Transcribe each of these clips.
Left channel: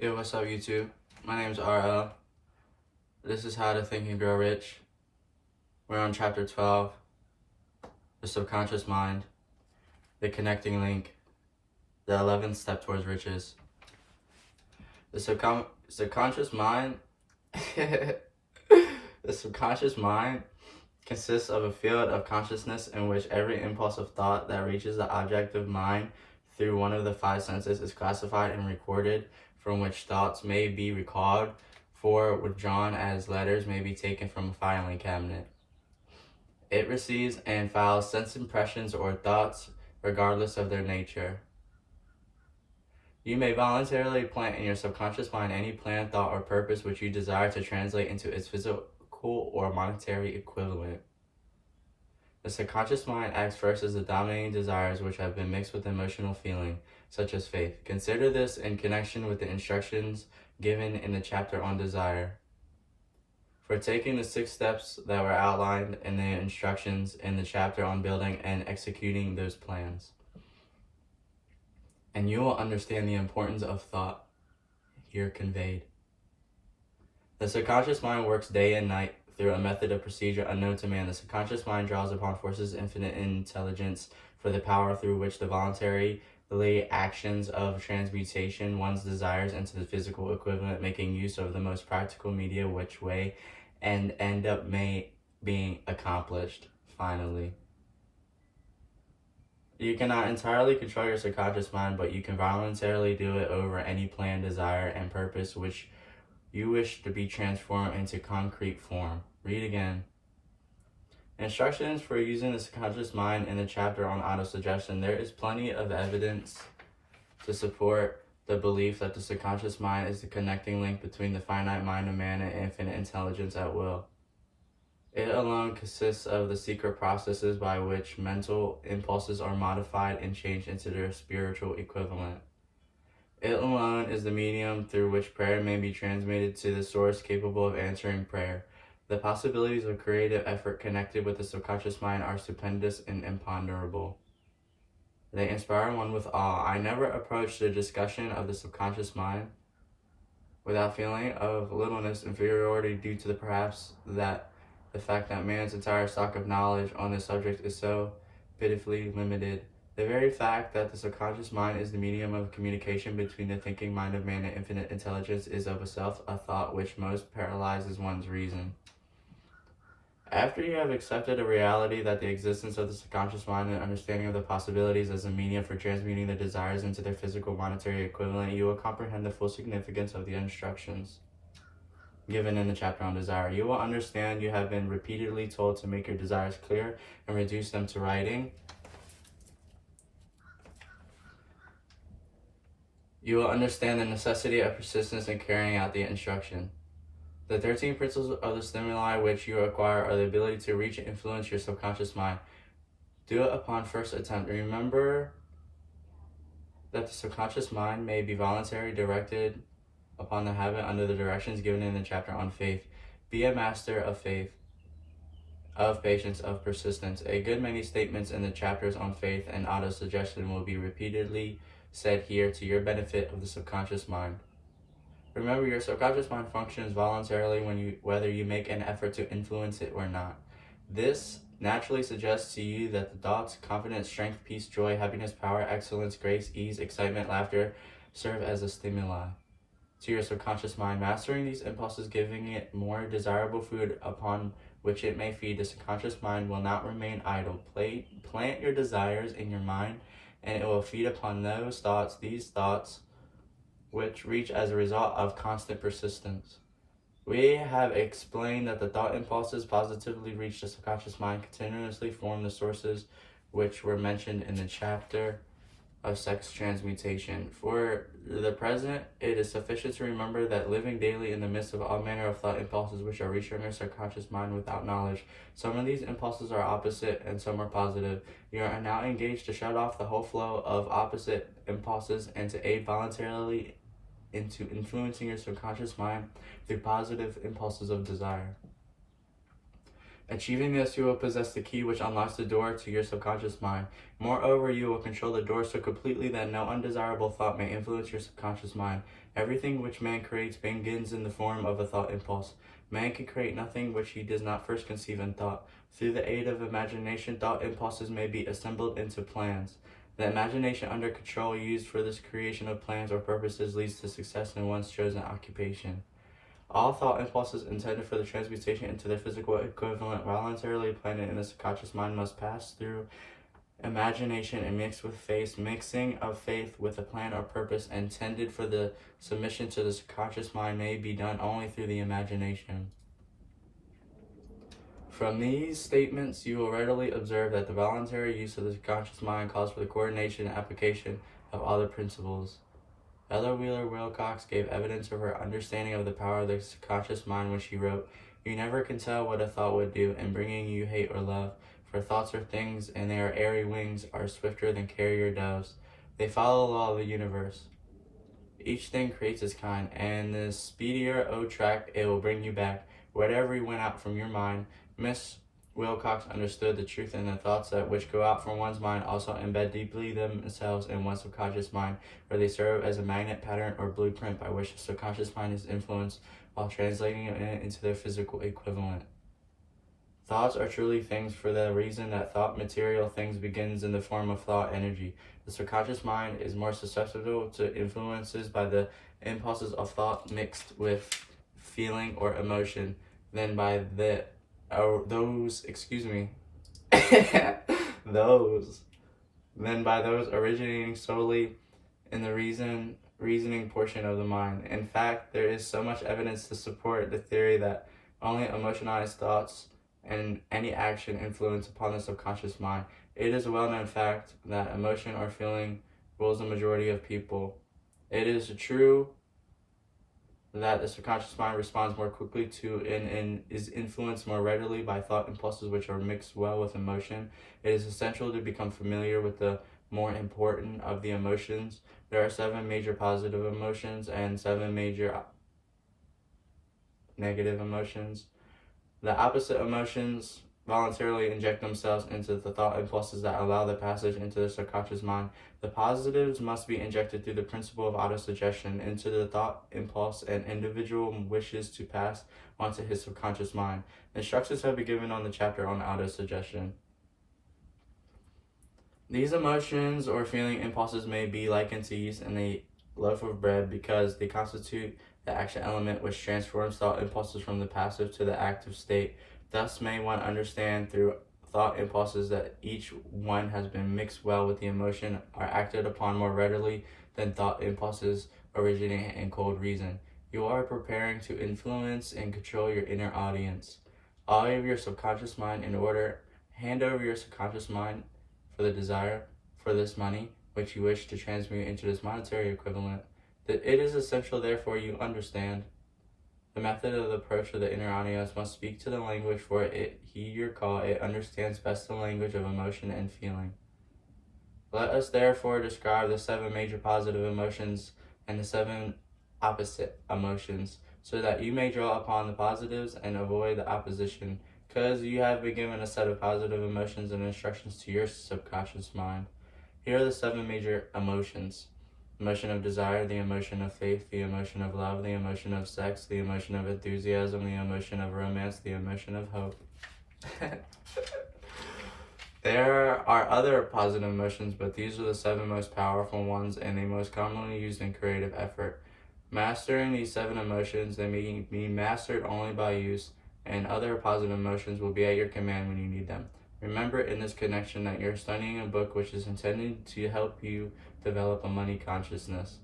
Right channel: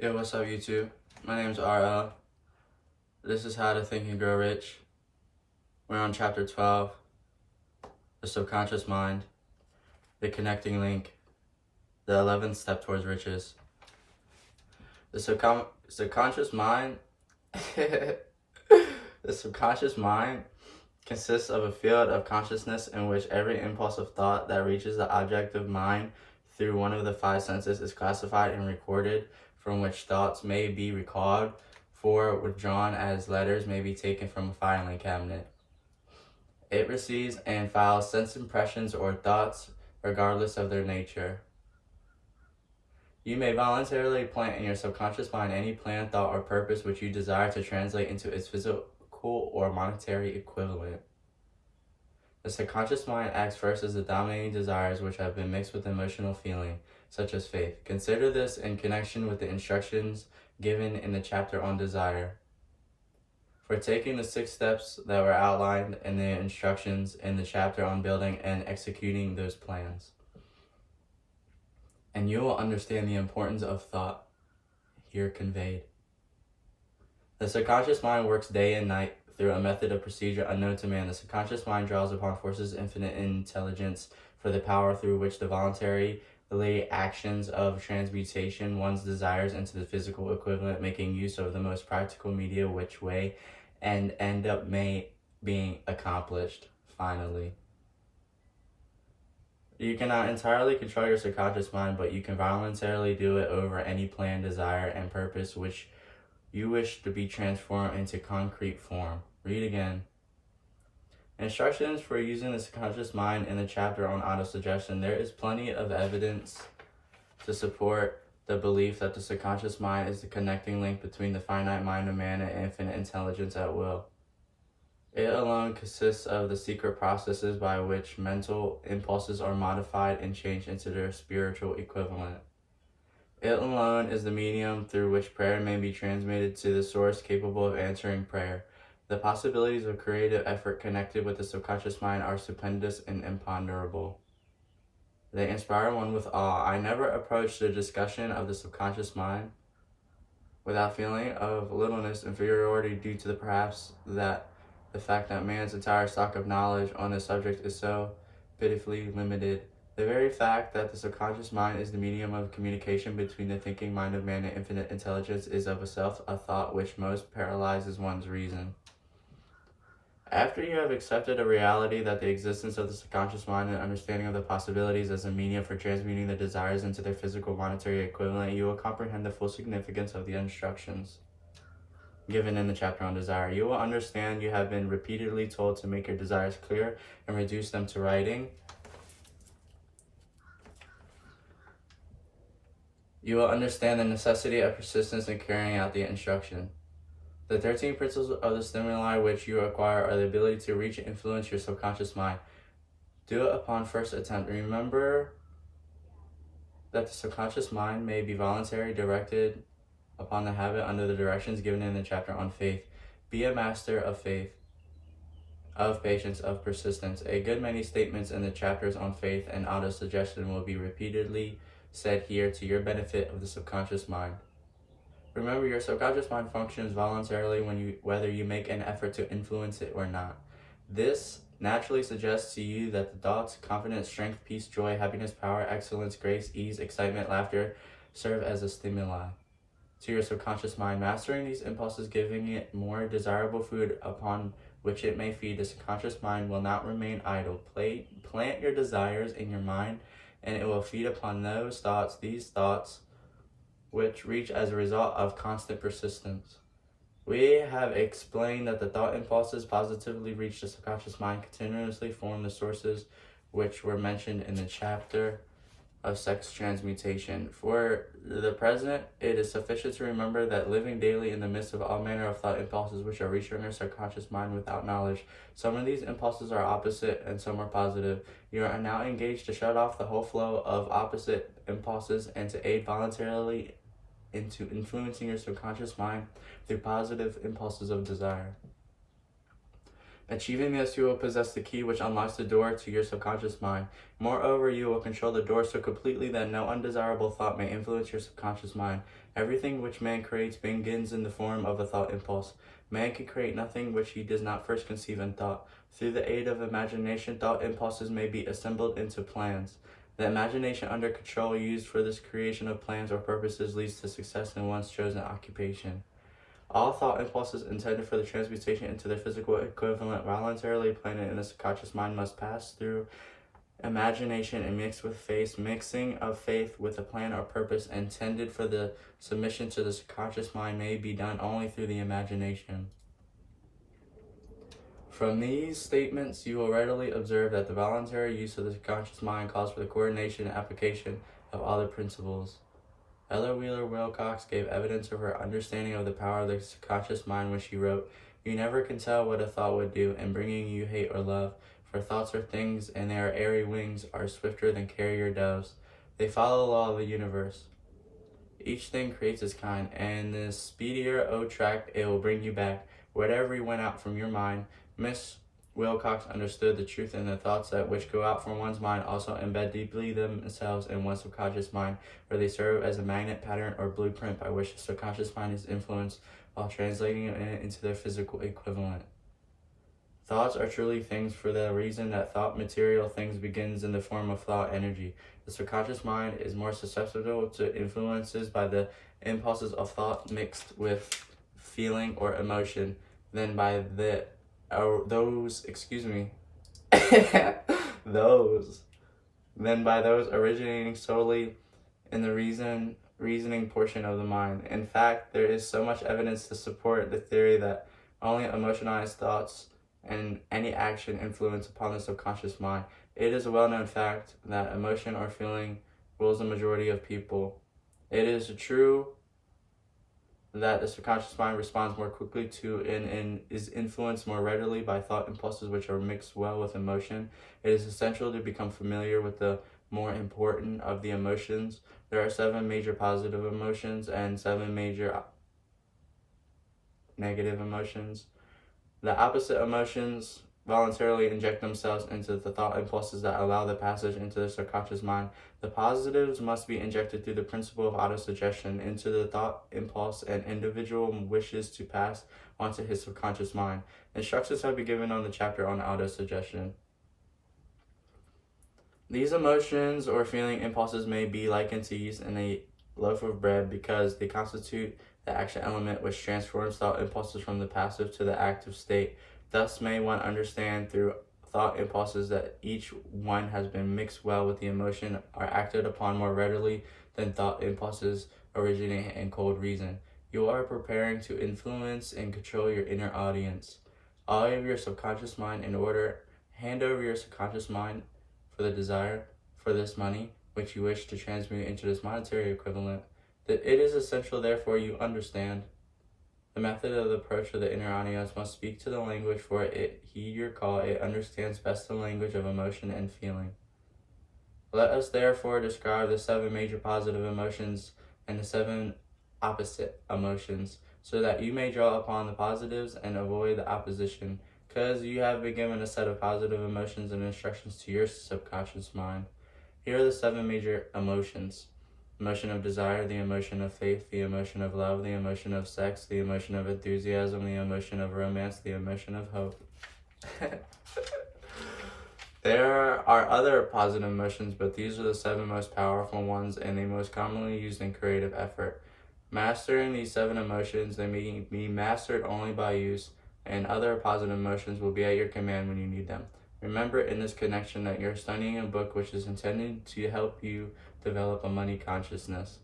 Yo, what's up, YouTube? My name's RL. This is How to Think and Grow Rich. We're on Chapter 12, the subconscious mind, the connecting link, the 11th step towards riches. The subconscious mind, the subconscious mind consists of a field of consciousness in which every impulse of thought that reaches the objective mind through one of the five senses is classified and recorded, from which thoughts may be recalled, for withdrawn as letters may be taken from a filing cabinet. It receives and files sense impressions or thoughts regardless of their nature. You may voluntarily plant in your subconscious mind any plan, thought, or purpose which you desire to translate into its physical or monetary equivalent. The subconscious mind acts first as the dominating desires which have been mixed with emotional feeling, such as faith. Consider this in connection with the instructions given in the chapter on desire. For taking the 6 steps that were outlined in the instructions in the chapter on building and executing those plans. And you will understand the importance of thought here conveyed. The subconscious mind works day and night through a method of procedure unknown to man. The subconscious mind draws upon forces infinite in intelligence for the power through which the voluntary actions of transmutation one's desires into the physical equivalent, making use of the most practical media which way and end up being accomplished finally. You cannot entirely control your subconscious mind, but you can voluntarily do it over any plan, desire, and purpose which you wish to be transformed into concrete form. Read again. Instructions for using the subconscious mind in the chapter on autosuggestion. There is plenty of evidence to support the belief that the subconscious mind is the connecting link between the finite mind of man and infinite intelligence at will. It alone consists of the secret processes by which mental impulses are modified and changed into their spiritual equivalent. It alone is the medium through which prayer may be transmitted to the source capable of answering prayer. The possibilities of creative effort connected with the subconscious mind are stupendous and imponderable. They inspire one with awe. I never approached the discussion of the subconscious mind without feeling of littleness, inferiority, due to the fact that man's entire stock of knowledge on this subject is so pitifully limited. The very fact that the subconscious mind is the medium of communication between the thinking mind of man and infinite intelligence is of itself a thought which most paralyzes one's reason. After you have accepted a reality that the existence of the subconscious mind and understanding of the possibilities as a medium for transmuting the desires into their physical monetary equivalent, you will comprehend the full significance of the instructions given in the chapter on desire. You will understand you have been repeatedly told to make your desires clear and reduce them to writing. You will understand the necessity of persistence in carrying out the instruction. The 13 principles of the stimuli which you acquire are the ability to reach and influence your subconscious mind. Do it upon first attempt. Remember that the subconscious mind may be voluntarily directed upon the habit under the directions given in the chapter on faith. Be a master of faith, of patience, of persistence. A good many statements in the chapters on faith and autosuggestion will be repeatedly said here to your benefit of the subconscious mind. Remember, your subconscious mind functions voluntarily whether you make an effort to influence it or not. This naturally suggests to you that the thoughts, confidence, strength, peace, joy, happiness, power, excellence, grace, ease, excitement, laughter serve as a stimuli to your subconscious mind. Mastering these impulses, giving it more desirable food upon which it may feed, the subconscious mind will not remain idle. Plant your desires in your mind, and it will feed upon these thoughts, which reach as a result of constant persistence. We have explained that the thought impulses positively reach the subconscious mind continuously form the sources which were mentioned in the chapter of sex transmutation. For the present, it is sufficient to remember that living daily in the midst of all manner of thought impulses which are reaching your subconscious mind without knowledge. Some of these impulses are opposite and some are positive. You are now engaged to shut off the whole flow of opposite impulses and to aid voluntarily into influencing your subconscious mind through positive impulses of desire. Achieving this, you will possess the key which unlocks the door to your subconscious mind. Moreover, you will control the door so completely that no undesirable thought may influence your subconscious mind. Everything which man creates begins in the form of a thought impulse. Man can create nothing which he does not first conceive in thought. Through the aid of imagination, thought impulses may be assembled into plans. The imagination under control used for this creation of plans or purposes leads to success in one's chosen occupation. All thought impulses intended for the transmutation into their physical equivalent voluntarily planted in the subconscious mind must pass through imagination and mix with faith. Mixing of faith with a plan or purpose intended for the submission to the subconscious mind may be done only through the imagination. From these statements, you will readily observe that the voluntary use of the subconscious mind calls for the coordination and application of other principles. Ella Wheeler Wilcox gave evidence of her understanding of the power of the subconscious mind when she wrote, "You never can tell what a thought would do in bringing you hate or love, for thoughts are things, and their airy wings are swifter than carrier doves. They follow the law of the universe. Each thing creates its kind, and the speedier track it will bring you back, whatever you went out from your mind." Miss Wilcox understood the truth in the thoughts that which go out from one's mind also embed deeply themselves in one's subconscious mind, where they serve as a magnet, pattern, or blueprint by which the subconscious mind is influenced while translating it into their physical equivalent. Thoughts are truly things for the reason that thought material things begins in the form of thought energy. The subconscious mind is more susceptible to influences by the impulses of thought mixed with feeling or emotion than by those originating solely in the reasoning portion of the mind. In fact, there is so much evidence to support the theory that only emotionalized thoughts and any action influence upon the subconscious mind. It is a well-known fact that emotion or feeling rules the majority of people. It is true that the subconscious mind responds more quickly to and is influenced more readily by thought impulses which are mixed well with emotion. It is essential to become familiar with the more important of the emotions. There are 7 major positive emotions and 7 major negative emotions. The opposite emotions voluntarily inject themselves into the thought impulses that allow the passage into the subconscious mind. The positives must be injected through the principle of autosuggestion into the thought impulse, and individual wishes to pass onto his subconscious mind. Instructions have been given on the chapter on autosuggestion. These emotions or feeling impulses may be likened to yeast in a loaf of bread because they constitute the action element which transforms thought impulses from the passive to the active state. Thus may one understand through thought impulses that each one has been mixed well with the emotion, are acted upon more readily than thought impulses originating in cold reason. You are preparing to influence and control your inner audience. All of your subconscious mind in order, hand over your subconscious mind for the desire for this money, which you wish to transmute into this monetary equivalent. That it is essential, therefore, you understand. The method of the approach of the inner audience must speak to the language for it. He, your call, it understands best the language of emotion and feeling. Let us therefore describe the 7 major positive emotions and the 7 opposite emotions, so that you may draw upon the positives and avoid the opposition, because you have been given a set of positive emotions and instructions to your subconscious mind. Here are the 7 major emotions. Emotion of desire, the emotion of faith, the emotion of love, the emotion of sex, the emotion of enthusiasm, the emotion of romance, the emotion of hope. There are other positive emotions, but these are the 7 most powerful ones and the most commonly used in creative effort. Mastering these 7 emotions, they may be mastered only by use, and other positive emotions will be at your command when you need them. Remember in this connection that you're studying a book which is intended to help you develop a money consciousness.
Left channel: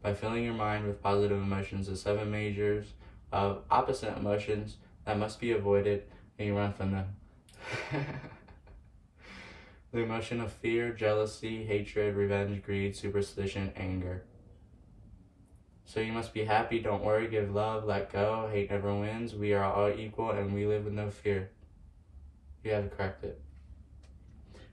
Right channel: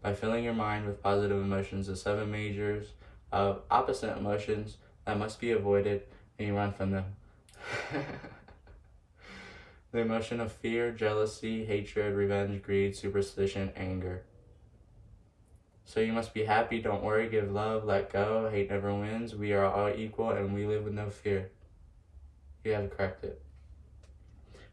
By filling your mind with positive emotions, the 7 majors of opposite emotions that must be avoided, and you run from them. The emotion of fear, jealousy, hatred, revenge, greed, superstition, anger. So you must be happy, don't worry, give love, let go, hate never wins, we are all equal, and we live with no fear. You have to correct it.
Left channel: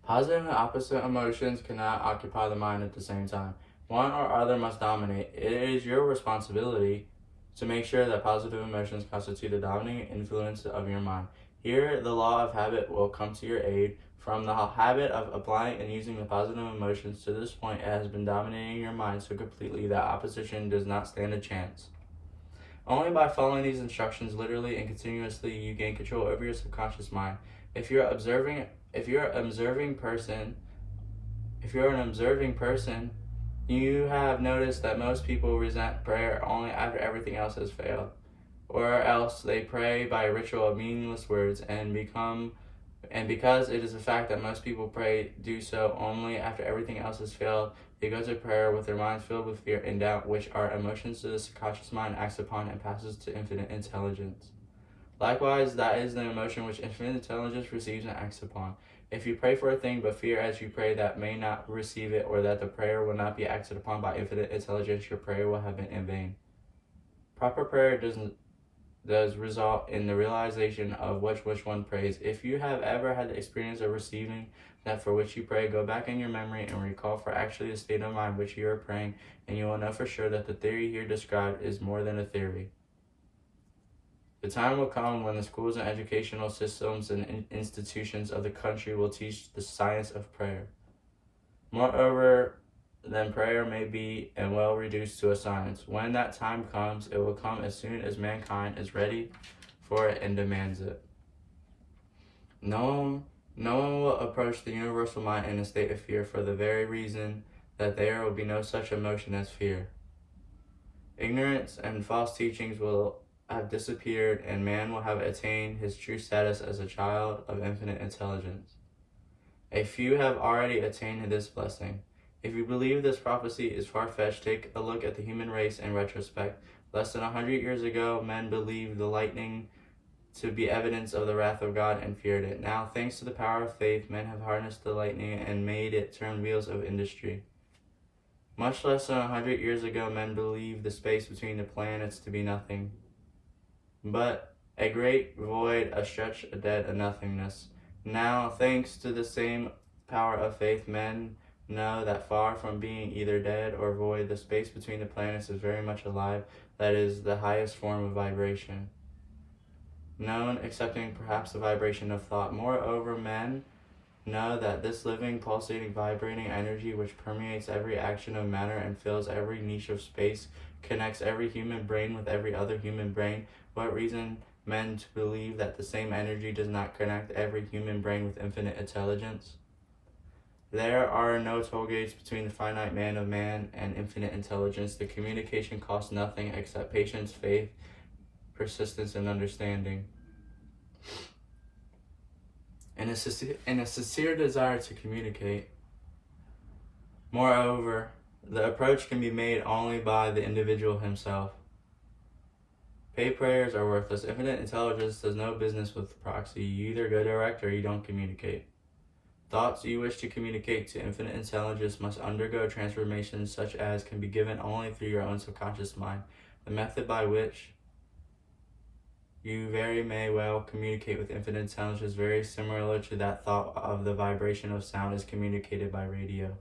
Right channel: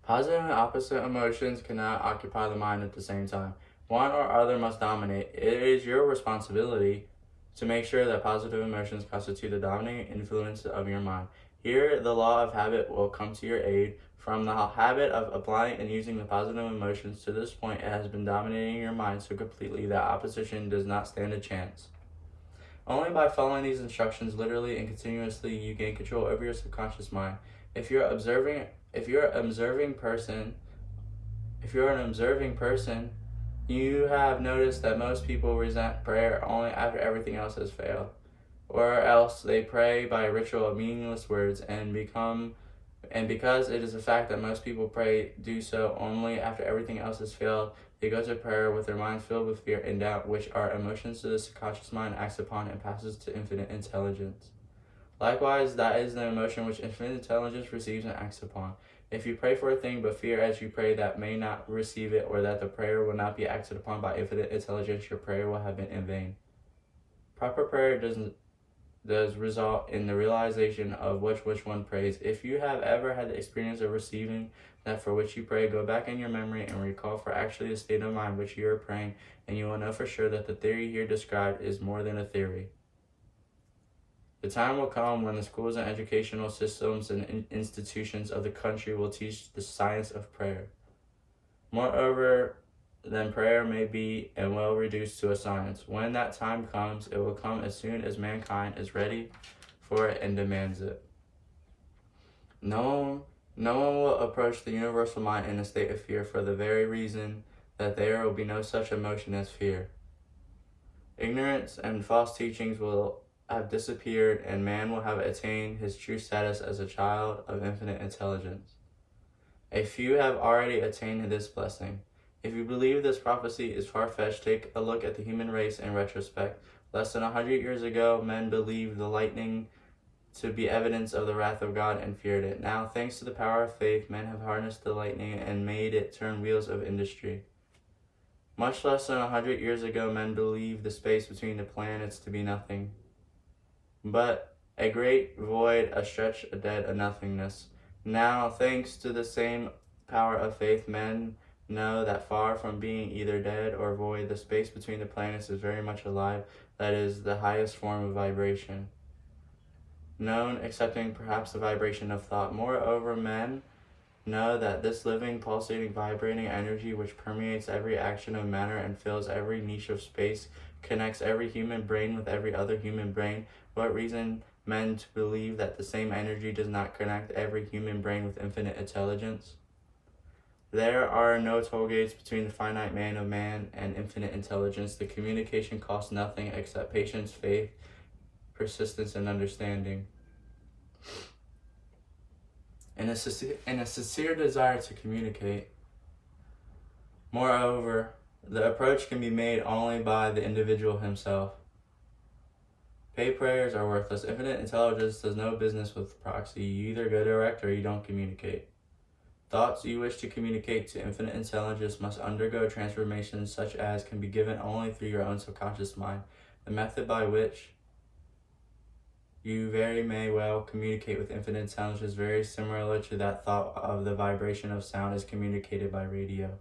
Positive and opposite emotions cannot occupy the mind at the same time. One or other must dominate. It is your responsibility to make sure that positive emotions constitute the dominating influence of your mind. Here, the law of habit will come to your aid. From the habit of applying and using the positive emotions to this point, it has been dominating your mind so completely that opposition does not stand a chance. Only by following these instructions literally and continuously you gain control over your subconscious mind. If you're an observing person, you have noticed that most people resent prayer only after everything else has failed, or else they pray by a ritual of meaningless words, and because it is a fact that most people do so only after everything else has failed, they go to prayer with their minds filled with fear and doubt, which are emotions to the subconscious mind acts upon and passes to infinite intelligence. Likewise, that is the emotion which infinite intelligence receives and acts upon. If you pray for a thing but fear as you pray that may not receive it, or that the prayer will not be acted upon by infinite intelligence, your prayer will have been in vain. Proper prayer does result in the realization of which one prays. If you have ever had the experience of receiving that for which you pray, go back in your memory and recall for actually the state of mind which you are praying, and you will know for sure that the theory here described is more than a theory. The time will come when the schools and educational systems and institutions of the country will teach the science of prayer. Moreover, then prayer may be and well reduced to a science. When that time comes, it will come as soon as mankind is ready for it and demands it. No one will approach the universal mind in a state of fear for the very reason that there will be no such emotion as fear. Ignorance and false teachings will have disappeared, and man will have attained his true status as a child of infinite intelligence. A few have already attained this blessing. If you believe this prophecy is far-fetched, take a look at the human race in retrospect. Less than 100 years ago, men believed the lightning to be evidence of the wrath of God and feared it. Now, thanks to the power of faith, men have harnessed the lightning and made it turn wheels of industry. Much less than 100 years ago, men believed the space between the planets to be nothing, but a great void, a stretch, a dead, a nothingness. Now, thanks to the same power of faith, men know that far from being either dead or void, the space between the planets is very much alive. That is the highest form of vibration, known excepting perhaps the vibration of thought. Moreover, men know that this living, pulsating, vibrating energy which permeates every action of matter and fills every niche of space, connects every human brain with every other human brain. What reason men to believe that the same energy does not connect every human brain with infinite intelligence? There are no toll gates between the finite man of man and infinite intelligence. The communication costs nothing except patience, faith, persistence, and understanding, and a sincere desire to communicate. Moreover, the approach can be made only by the individual himself. Paid prayers are worthless. Infinite intelligence does no business with proxy. You either go direct or you don't communicate. Thoughts you wish to communicate to infinite intelligence must undergo transformations such as can be given only through your own subconscious mind. The method by which you very may well communicate with infinite intelligence is very similar to that thought of the vibration of sound is communicated by radio.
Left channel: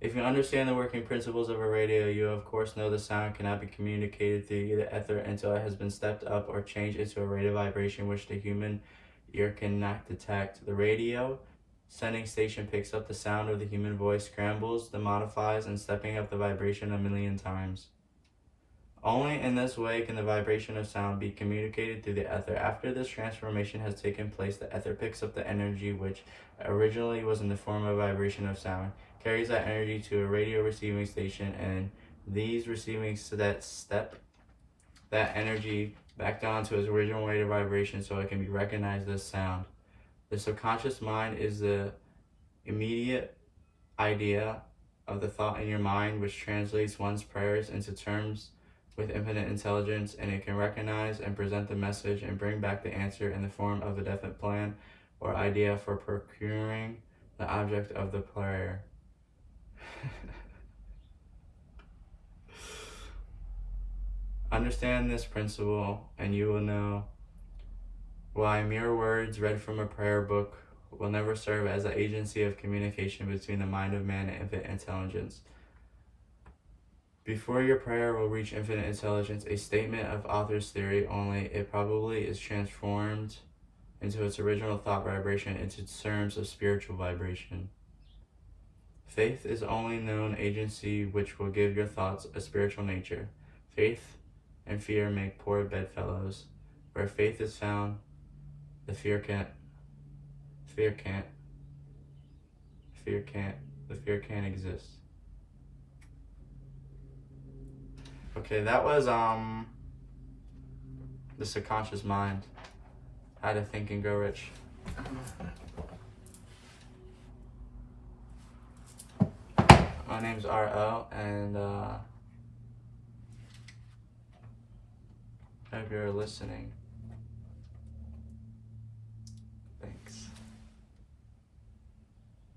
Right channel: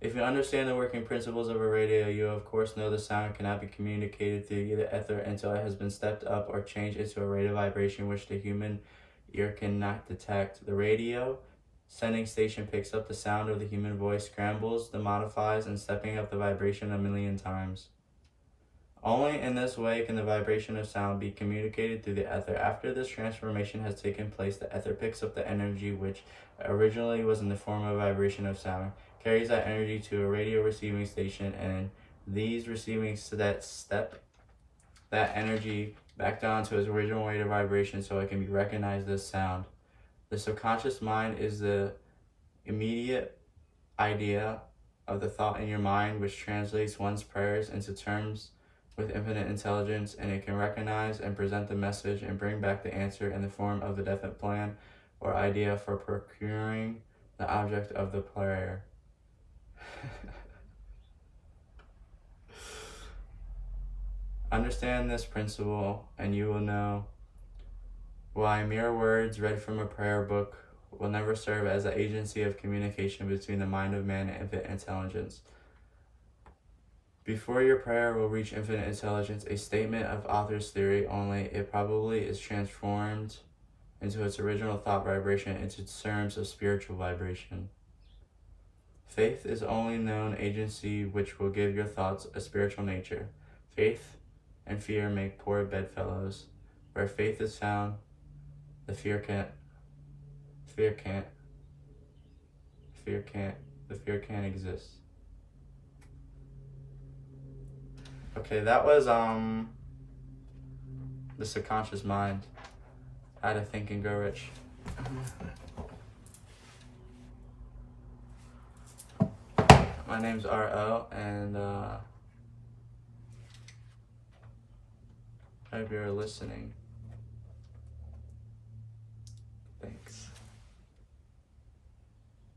If you understand the working principles of a radio, you of course know the sound cannot be communicated through the ether until it has been stepped up or changed into a rate of vibration which the human ear cannot detect. The radio sending station picks up the sound of the human voice, scrambles, the modifies, and stepping up the vibration 1,000,000 times. Only in this way can the vibration of sound be communicated through the ether. After this transformation has taken place, the ether picks up the energy which originally was in the form of vibration of sound, carries that energy to a radio receiving station, and these receiving step that energy back down to its original rate of vibration so it can be recognized as sound. The subconscious mind is the immediate idea of the thought in your mind which translates one's prayers into terms with infinite intelligence, and it can recognize and present the message and bring back the answer in the form of a definite plan or idea for procuring the object of the prayer. Understand this principle, and you will know why mere words read from a prayer book will never serve as an agency of communication between the mind of man and infinite intelligence. Before your prayer will reach infinite intelligence, a statement of author's theory only, it probably is transformed into its original thought vibration into terms of spiritual vibration. Faith is only known agency which will give your thoughts a spiritual nature. Faith and fear make poor bedfellows. Where faith is found, the fear can't exist. Okay, that was the subconscious mind. How to Think and Grow Rich. My name's R.O. and I hope you're listening.